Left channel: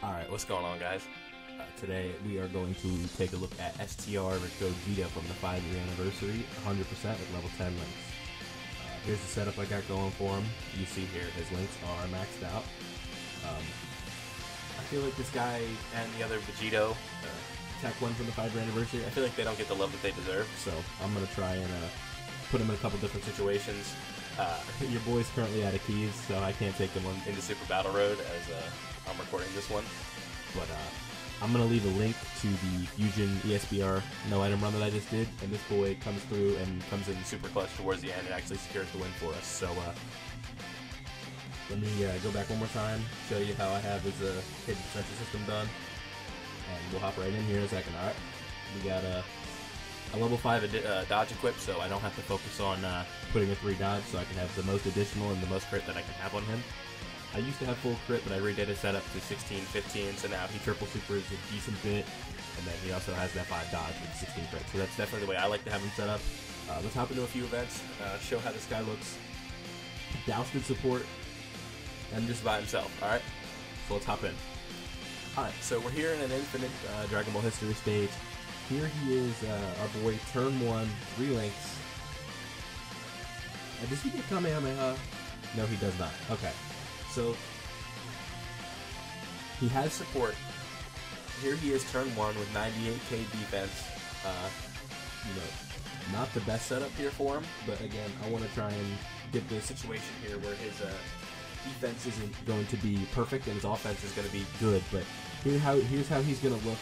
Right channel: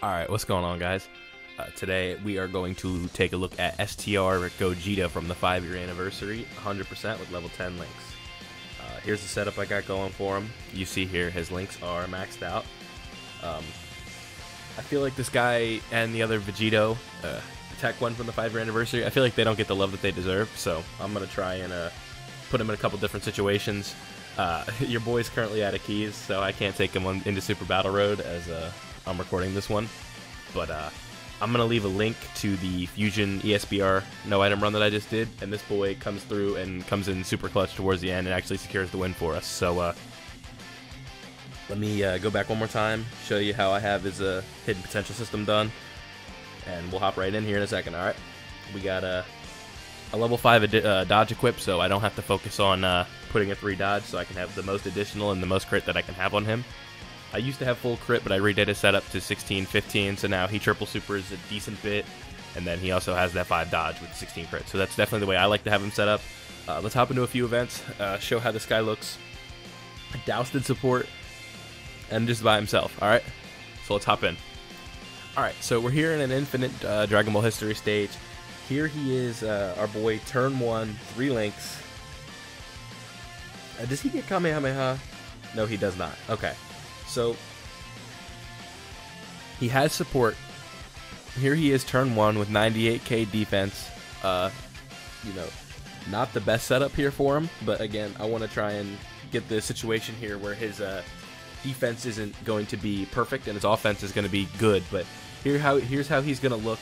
Alright, what's going on, guys? Today we are going to take a look at STR GOGETA from the 5-year anniversary, 100% with level 10 links. Here's the setup I got going for him. You see here his links are maxed out. I feel like this guy and the other Vegito, tech one from the 5-year anniversary, I feel like they don't get the love that they deserve, so I'm going to try and put him in a couple different situations. Your boy's currently out of keys, so I can't take him into Super Battle Road as I'm recording this one. But I'm going to leave a link to the Fusion ESBR no item run that I just did, and this boy comes through and comes in super clutch towards the end and actually secures the win for us. So let me go back one more time, show you how I have his hidden potential system done, and we'll hop right in here in a second. Alright, we got a level 5 dodge equip, so I don't have to focus on putting a 3 dodge, so I can have the most additional and the most crit that I can have on him. I used to have full crit, but I redid his setup to 16, 15, so now he triple supers a decent bit, and then he also has that 5 dodge with 16 crit, so that's definitely the way I like to have him set up. Let's hop into a few events, show how this guy looks. Dousted support, and just by himself, alright? So let's hop in. Alright, so we're here in an infinite Dragon Ball history stage. Here he is, our boy, turn 1, 3 links. Does he get Kamehameha? No, he does not. Okay. So, he has support. Here he is, turn 1 with 98k defense. You know, not the best setup here for him, but again, I want to try and get the situation here where his defense isn't going to be perfect and his offense is going to be good. But here's how he's going to look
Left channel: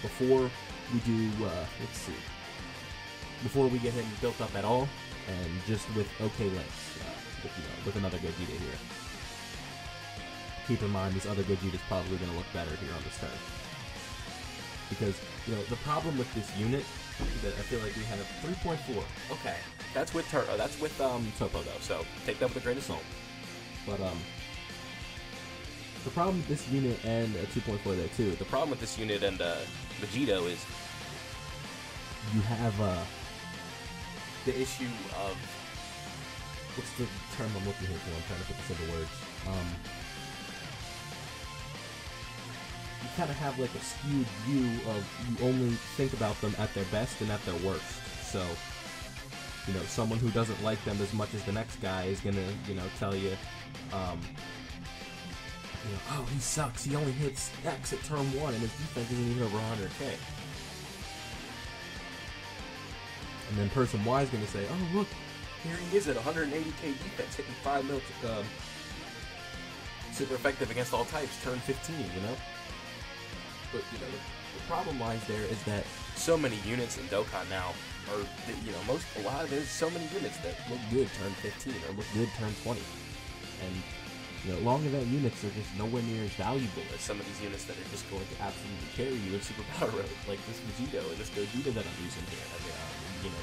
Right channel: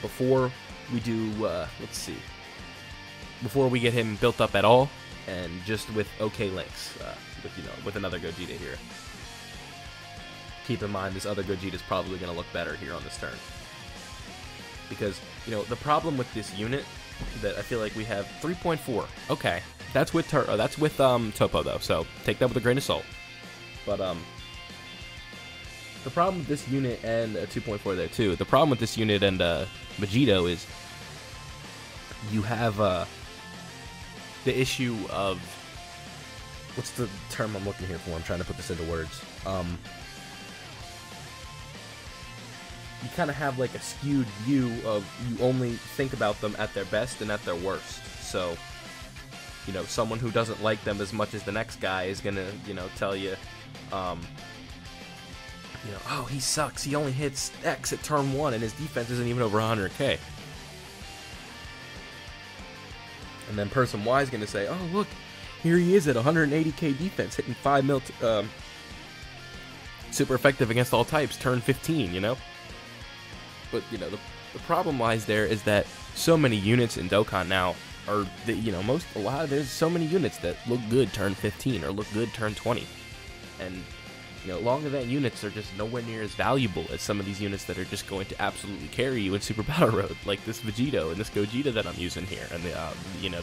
before we do, let's see, before we get him built up at all, and just with okay links, with another Gogeta here. Keep in mind, this other Gogeta's probably going to look better here on this turn. Because, the problem with this unit, that I feel like we have 3.4. Okay, that's with Topo though, so take that with a grain of salt. But, the problem with this unit and 2.4 there too, the problem with this unit and Vegito is you have the issue of, what's the term I'm looking here for? I'm trying to put this into words. You kind of have like a skewed view of, you only think about them at their best and at their worst. So, someone who doesn't like them as much as the next guy is gonna, tell you, oh, he sucks, he only hits X at turn 1 and his defense isn't even over 100k. And then person Y is gonna say, oh look, here he is at 180k defense, hitting 5 mil, super effective against all types, turn 15, But, the problem lies there is that so many units in Dokkan now are, there's so many units that look good turn 15 or look good turn 20. And, long event units are just nowhere near as valuable as some of these units that are just going to absolutely carry you in Super Battle Road, like this Vegito and this Gogeta that I'm using here, and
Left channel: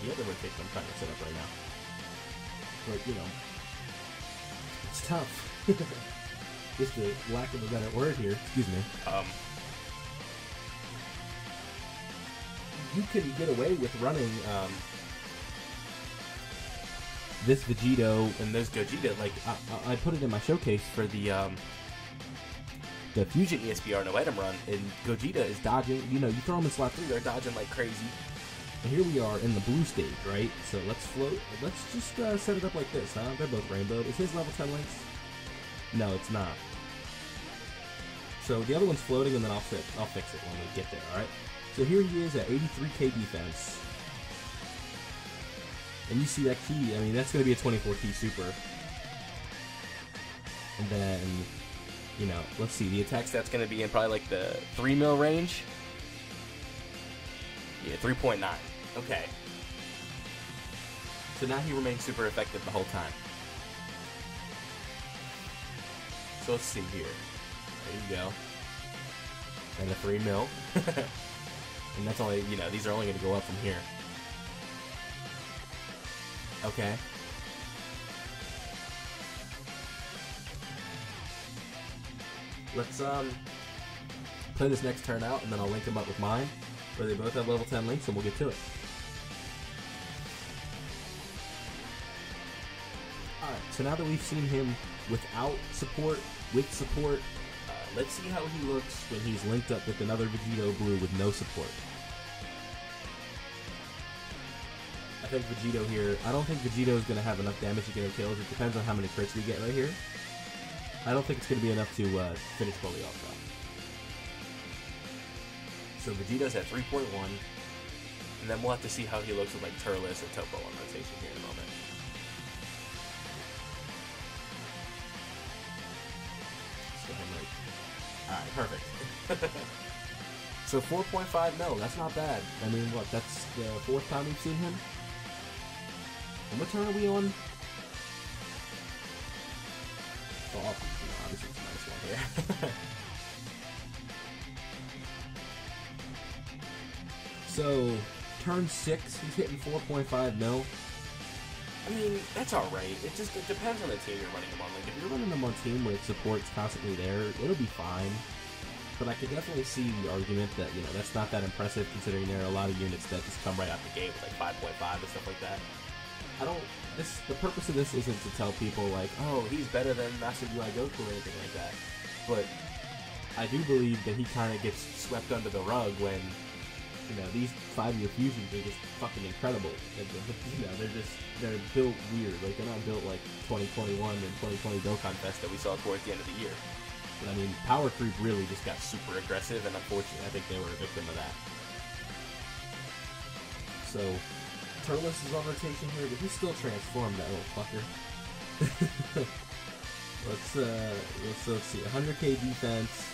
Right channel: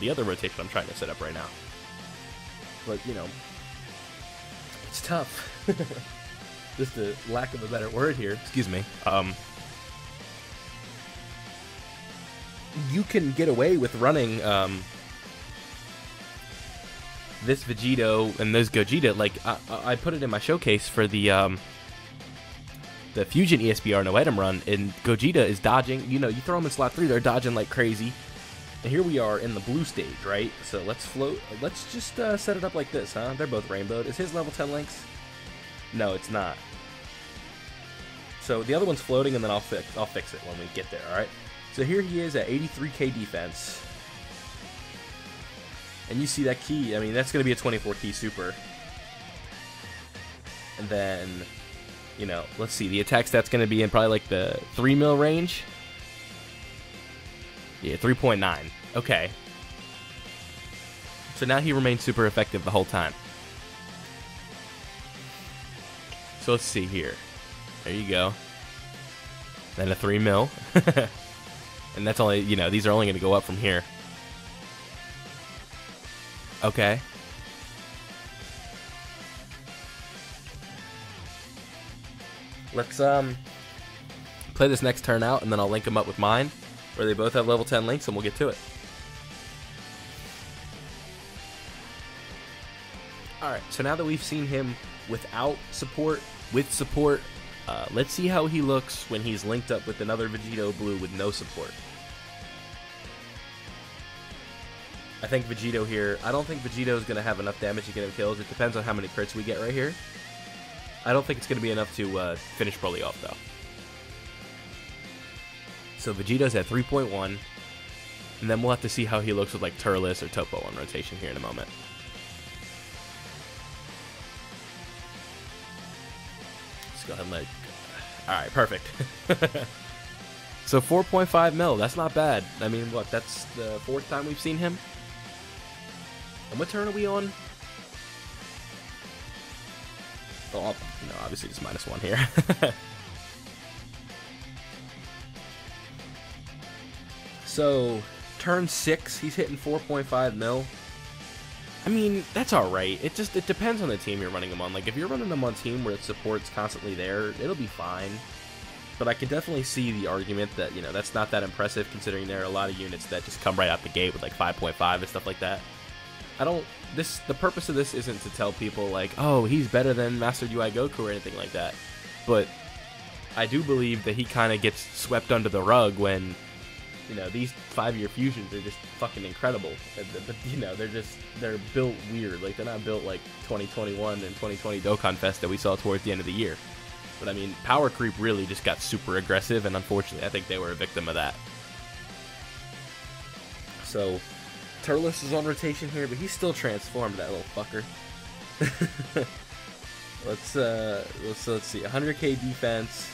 the other rotation I'm trying to set up right now. But, it's tough. Just a lack of a better word here, excuse me. You can get away with running this Vegito and this Gogeta. Like I put it in my showcase for the Fusion ESBR no item run, and Gogeta is dodging. You throw them in slot 3, they're dodging like crazy. And here we are in the blue stage, right? So let's float. Let's just set it up like this, huh? They're both rainbowed. Is his level 10 links? No, it's not. So the other one's floating, and then I'll fix it when we get there. All right. So here he is at 83k defense. And you see that key, I mean, that's going to be a 24 key super. And then, let's see, the attack stat's going to be in probably like the 3 mil range. Yeah, 3.9. Okay. So now he remains super effective the whole time. So let's see here. There you go. Then a 3 mil. And that's only, these are only going to go up from here. Okay. Let's play this next turn out, and then I'll link them up with mine, where they both have level 10 links, and we'll get to it. Alright, so now that we've seen him without support, with support, Let's see how he looks when he's linked up with another Vegito Blue with no support. I think Vegito here, I don't think Vegito's going to have enough damage to get him kills. It depends on how many crits we get right here. I don't think it's going to be enough to finish Broly off, though. So Vegito's at 3.1. And then we'll have to see how he looks with like Turles or Topo on rotation here in a moment. Let's go ahead and let... Alright, perfect. So 4.5 mil, that's not bad. I mean, what, that's the 4th time we've seen him? And what turn are we on? Oh, no, obviously it's -1 here. So, turn 6, he's hitting 4.5 mil. I mean, that's alright. It depends on the team you're running him on. Like, if you're running him on a team where the support's constantly there, it'll be fine. But I could definitely see the argument that, you know, that's not that impressive considering there are a lot of units that just come right out the gate with like 5.5 and stuff like that. The purpose of this isn't to tell people like, oh, he's better than Master UI Goku or anything like that. But I do believe that he kind of gets swept under the rug when, you know, these 5-year fusions are just fucking incredible. You know, they're built weird. Like, they're not built like 2021 and 2020 Dokkan Fest that we saw towards the end of the year. But I mean, power creep really just got super aggressive, and unfortunately, I think they were a victim of that. So, Turles is on rotation here, but he's still transformed, that little fucker. Let's see, 100k defense.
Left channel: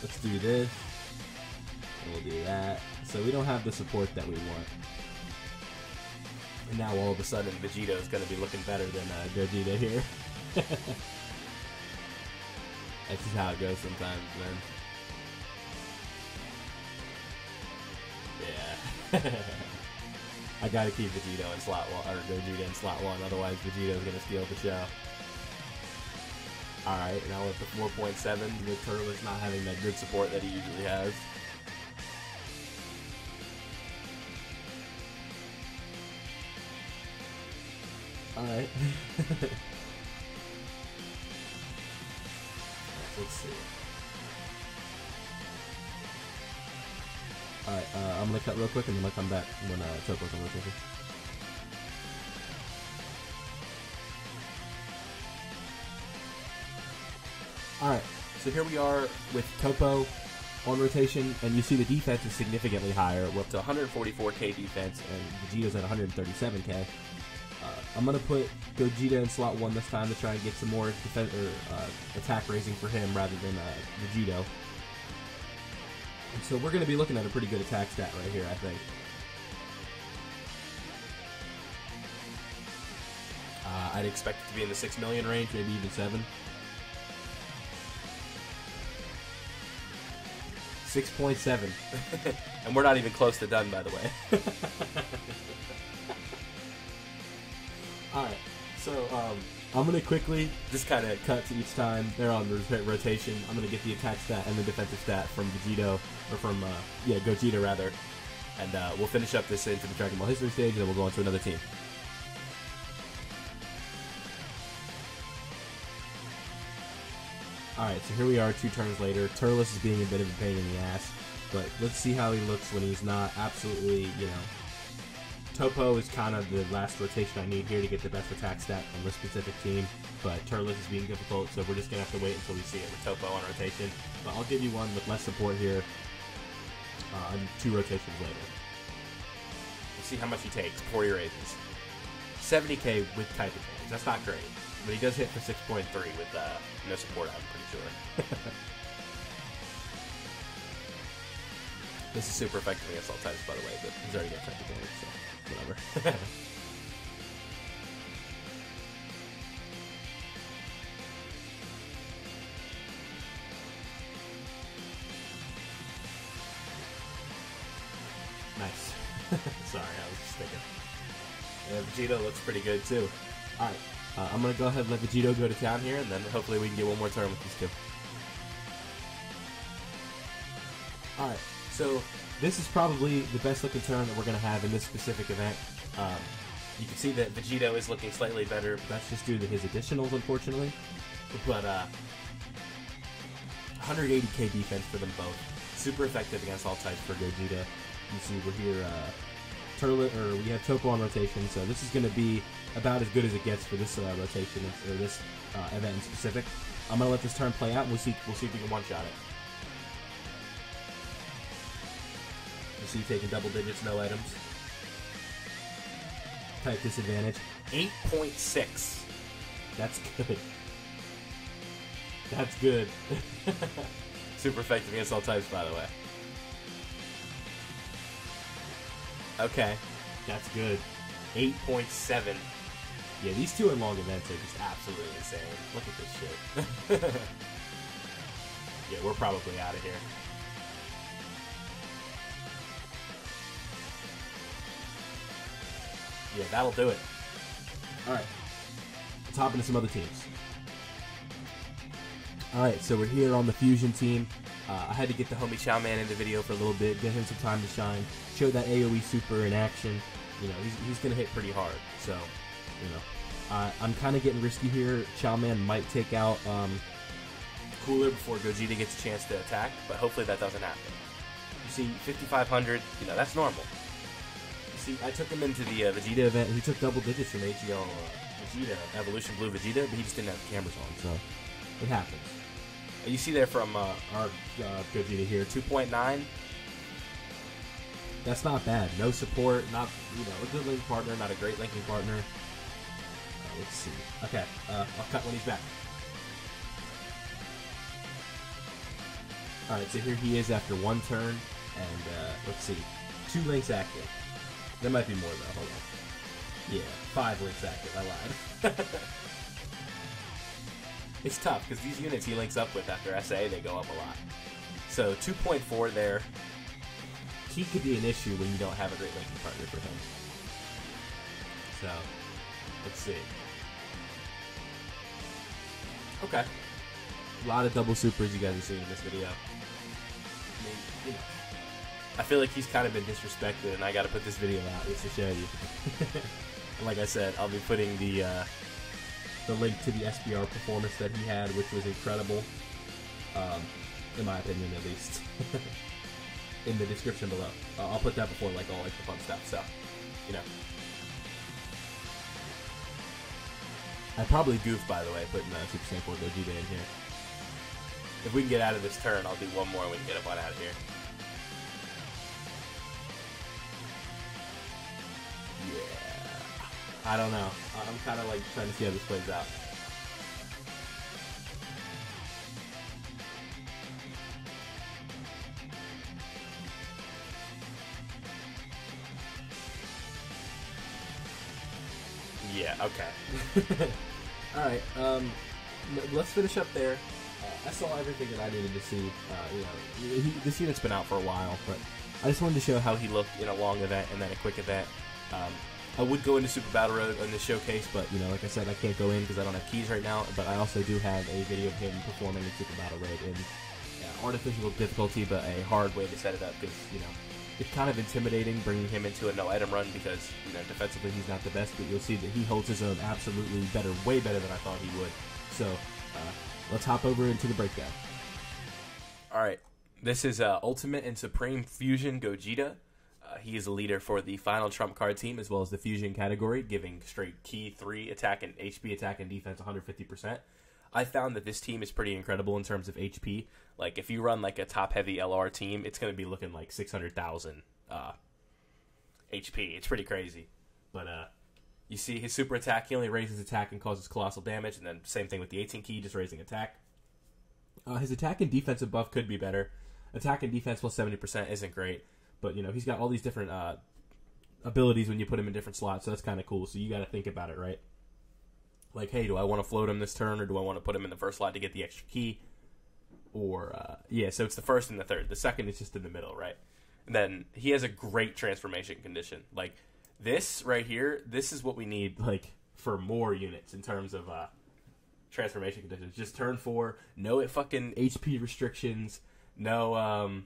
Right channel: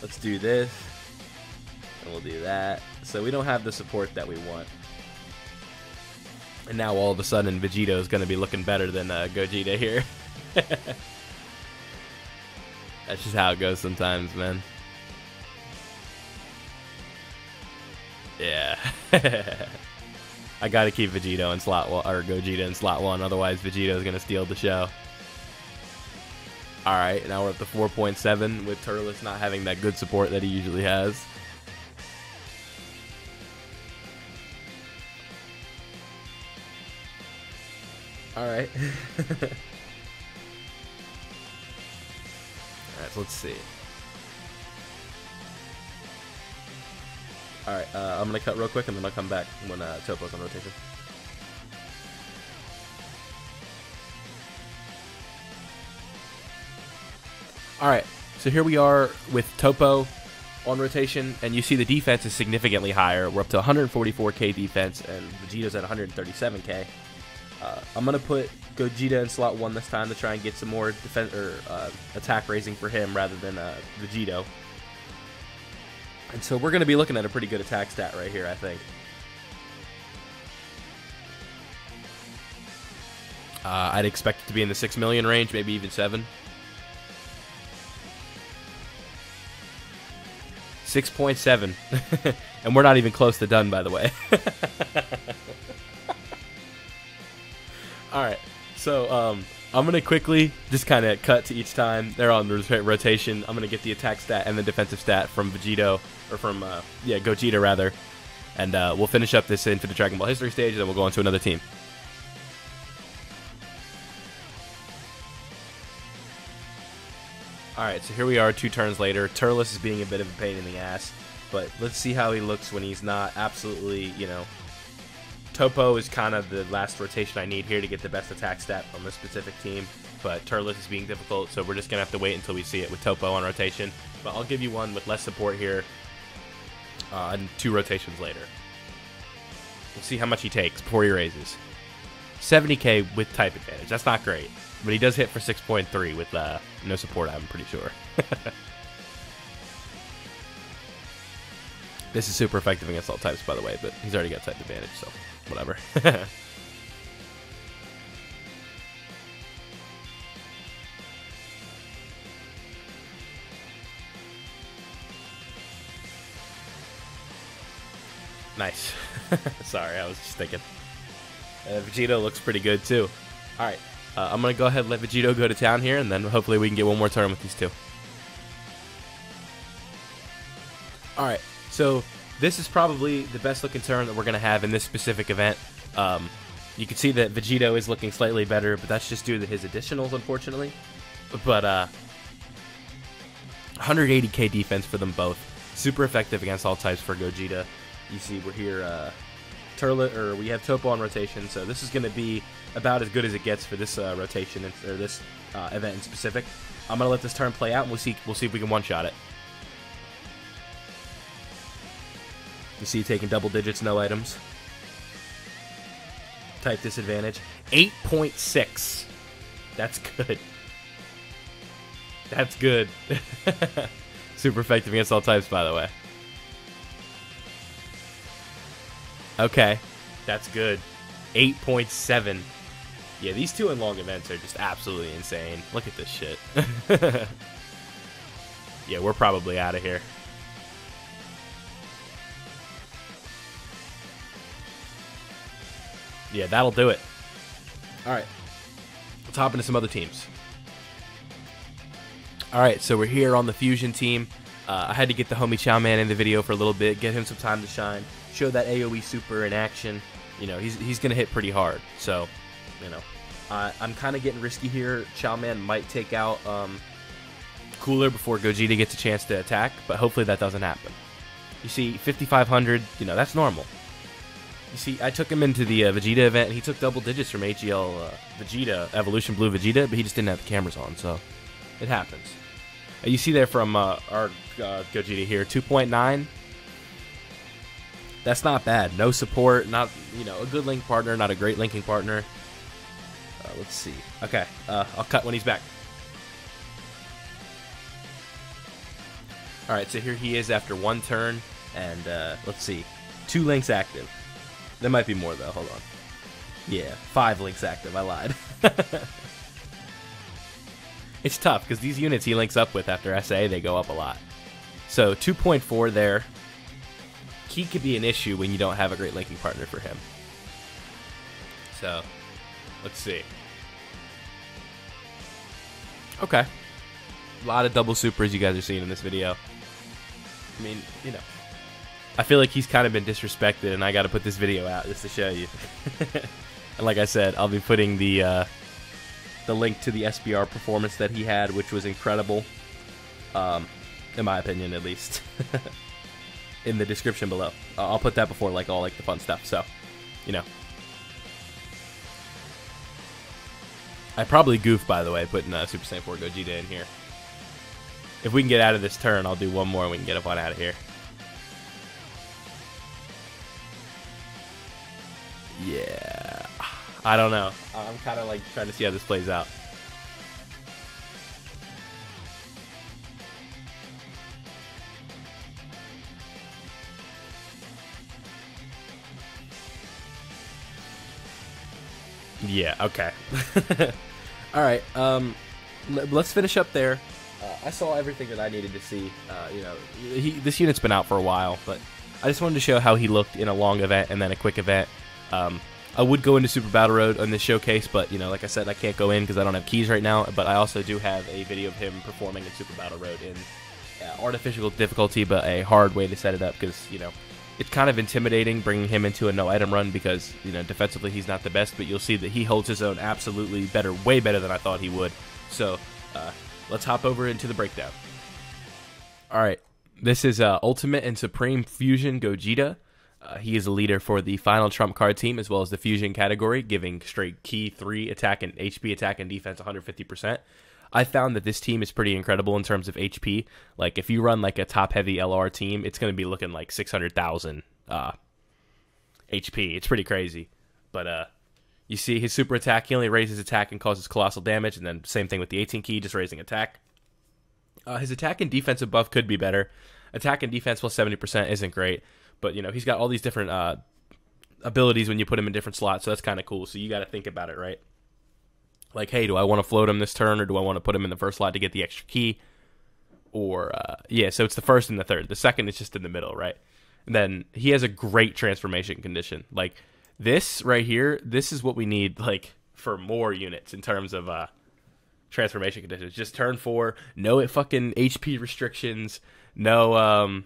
Let's do this. We'll do that. So we don't have the support that we want. And now all of a sudden, Vegito is going to be looking better than Gogeta here. That's just how it goes sometimes, man. Yeah. I gotta keep Vegito in slot 1, or Gogeta in slot 1, otherwise Vegito is gonna steal the show. Alright, now we're up to 4.7 with Turles not having that good support that he usually has. Alright. Let's see. Alright, I'm going to cut real quick and then I'll come back when Topo's on rotation. Alright, so here we are with Topo on rotation, and you see the defense is significantly higher. We're up to 144k defense, and Vegeta's at 137k. I'm going to put Gogeta in slot 1 this time to try and get some more defense or attack raising for him rather than Vegito. And so we're going to be looking at a pretty good attack stat right here, I think. I'd expect it to be in the 6 million range, maybe even 7. 6.7. And we're not even close to done, by the way. Alright, so I'm going to quickly just kind of cut to each time. They're on rotation. I'm going to get the attack stat and the defensive stat from Vegito, or from, Gogeta rather. And we'll finish up this Infinite Dragon Ball History stage, and then we'll go on to another team. Alright, so here we are 2 turns later. Turles is being a bit of a pain in the ass, but let's see how he looks when he's not absolutely, you know... Topo is kind of the last rotation I need here to get the best attack stat on this specific team, but Turles is being difficult, so we're just going to have to wait until we see it with Topo on rotation. But I'll give you one with less support here, and 2 rotations later. We'll see how much he takes before he raises. 70k with type advantage. That's not great, but he does hit for 6.3 with no support, I'm pretty sure. This is super effective against all types, by the way, but he's already got type advantage, so whatever. Nice. Sorry, I was just thinking. Vegito looks pretty good, too. Alright, I'm going to go ahead and let Vegito go to town here, and then hopefully we can get one more turn with these 2. Alright, so this is probably the best looking turn that we're going to have in this specific event. You can see that Vegito is looking slightly better, but that's just due to his additionals, unfortunately. But 180k defense for them both. Super effective against all types for Gogeta. You see, we're here, we have Topo on rotation, so this is going to be about as good as it gets for this rotation, or this event in specific. I'm going to let this turn play out, and we'll see if we can one-shot it. You see, taking double digits, no items. Type disadvantage. 8.6. That's good. That's good. Super effective against all types, by the way. Okay, that's good. 8.7. Yeah, these two in long events are just absolutely insane. Look at this shit. Yeah, we're probably out of here. Yeah, that'll do it. Alright. Let's hop into some other teams. Alright, so we're here on the Fusion team. I had to get the homie Chow Man in the video for a little bit, get him some time to shine, show that AoE super in action. You know, he's going to hit pretty hard. So, you know, I'm kind of getting risky here. Chow Man might take out Cooler before Gogeta gets a chance to attack, but hopefully that doesn't happen. You see, 5,500, you know, that's normal. You see, I took him into the Vegeta event. He took double digits from HEL Vegeta, Evolution Blue Vegeta, but he just didn't have the cameras on, so it happens. You see there from our Gogeta here, 2.9. That's not bad. No support, not, you know, a good link partner, not a great linking partner. Let's see. Okay, I'll cut when he's back. Alright, so here he is after one turn, and let's see. 2 links active. There might be more though, hold on. Yeah, 5 links active, I lied. It's tough, because these units he links up with after SA, they go up a lot. So 2.4 there. He could be an issue when you don't have a great linking partner for him. So, let's see. Okay. A lot of double supers you guys are seeing in this video. I mean, you know. I feel like he's kind of been disrespected, and I got to put this video out just to show you. And like I said, I'll be putting the link to the SBR performance that he had, which was incredible, in my opinion, at least, in the description below. I'll put that before like all like the fun stuff. So, you know, I probably goofed, by the way, putting Super Saiyan 4 Gogeta in here. If we can get out of this turn, I'll do one more and we can get up on out of here. Yeah, I don't know. I'm kind of like trying to see how this plays out. Yeah, okay. All right, let's finish up there. I saw everything that I needed to see. You know, this unit's been out for a while, but I just wanted to show how he looked in a long event and then a quick event. I would go into Super Battle Road on this showcase, but, you know, like I said, I can't go in because I don't have keys right now, but I also do have a video of him performing in Super Battle Road in artificial difficulty, but a hard way to set it up because, you know, it's kind of intimidating bringing him into a no-item run because, you know, defensively he's not the best, but you'll see that he holds his own absolutely better, way better than I thought he would. So, let's hop over into the breakdown. Alright, this is Ultimate and Supreme Fusion Gogeta. He is a leader for the final trump card team as well as the fusion category, giving straight key 3 attack and HP attack and defense 150%. I found that this team is pretty incredible in terms of HP. Like, if you run like a top-heavy LR team, it's going to be looking like 600,000 HP. It's pretty crazy. But you see his super attack, he only raises attack and causes colossal damage, and then same thing with the 18 key, just raising attack. His attack and defensive buff could be better. Attack and defense plus 70% isn't great. But, you know, he's got all these different abilities when you put him in different slots, so that's kind of cool. So you got to think about it, right? Like, hey, do I want to float him this turn, or do I want to put him in the first slot to get the extra key? Or, yeah, so it's the first and the third. The second is just in the middle, right? And then he has a great transformation condition. Like, this right here, this is what we need, like, for more units in terms of transformation conditions. Just turn 4, no fucking HP restrictions, no,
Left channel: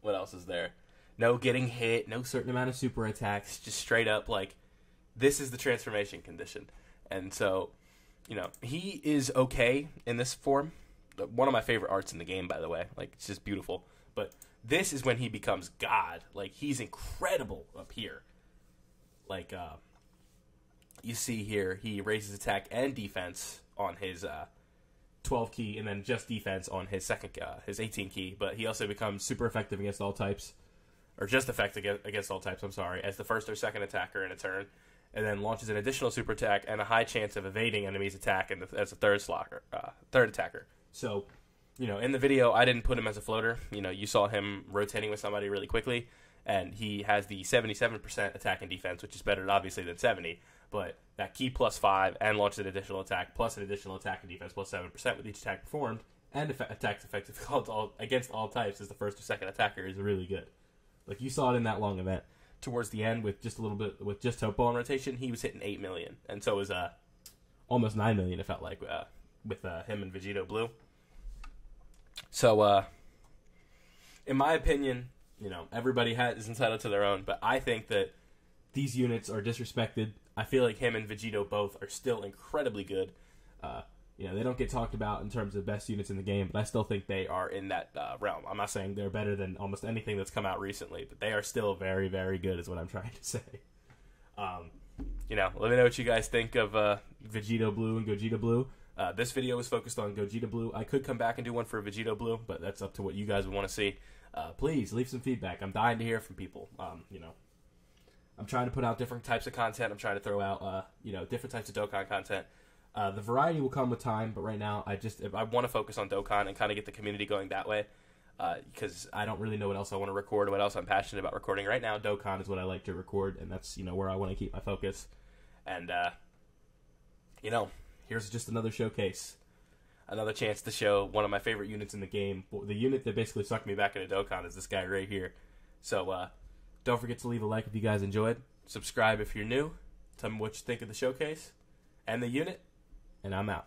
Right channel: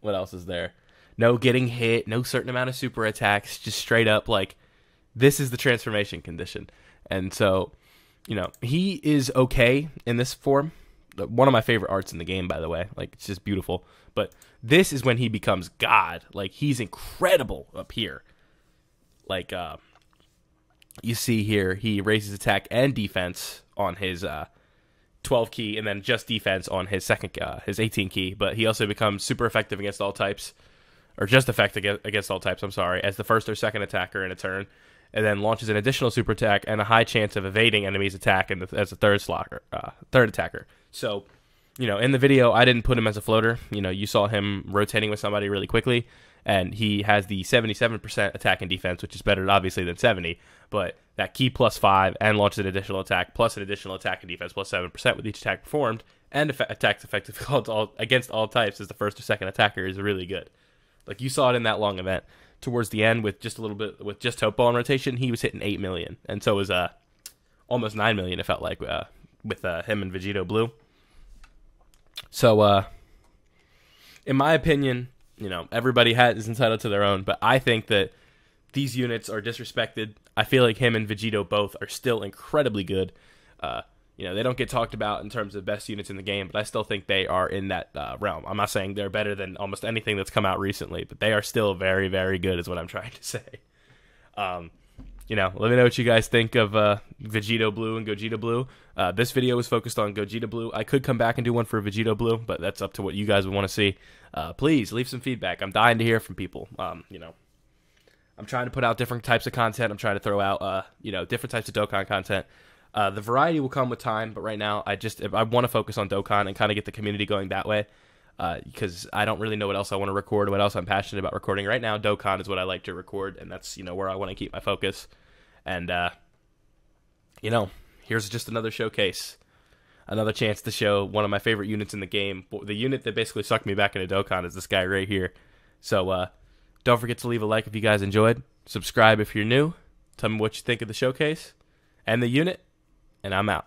what else is there? No getting hit, no certain amount of super attacks, just straight up, like, this is the transformation condition. And so, you know, he is okay in this form, one of my favorite arts in the game, by the way. Like, it's just beautiful. But this is when he becomes God. Like, he's incredible up here. Like, you see here, he raises attack and defense on his 12 key, and then just defense on his his 18 key. But he also becomes super effective against all types, or just effective against all types, I'm sorry, as the first or second attacker in a turn, and then launches an additional super attack and a high chance of evading enemies' attack as a third attacker. So, in the video, I didn't put him as a floater. You saw him rotating with somebody really quickly, and he has the 77% attack and defense, which is better, obviously, than 70, but that key +5 and launches an additional attack, plus an additional attack and defense +7% with each attack performed, and attacks effective against all types as the first or second attacker is really good. Like, you saw it in that long event. Towards the end, with just a little bit, with just Hope Ball in rotation, he was hitting 8 million, and so was almost 9 million. It felt like with him and Vegito Blue. So, in my opinion, everybody is entitled to their own, but I think that these units are disrespected. I feel like him and Vegito both are still incredibly good. They don't get talked about in terms of best units in the game, but I still think they are in that realm. I'm not saying they're better than almost anything that's come out recently, but they are still very, very good is what I'm trying to say. Let me know what you guys think of Vegito Blue and Gogeta Blue. This video was focused on Gogeta Blue. I could come back and do one for Vegito Blue, but that's up to what you guys would want to see. Please leave some feedback. I'm dying to hear from people. I'm trying to put out different types of content. I'm trying to throw out different types of Dokkan content. The variety will come with time, but right now I want to focus on Dokkan and kind of get the community going that way, because I don't really know what else I want to record, what else I'm passionate about recording. Right now, Dokkan is what I like to record, and that's where I want to keep my focus. And here's just another showcase, another chance to show one of my favorite units in the game. The unit that basically sucked me back into Dokkan is this guy right here. So don't forget to leave a like if you guys enjoyed. Subscribe if you're new. Tell me what you think of the showcase and the unit. And I'm out.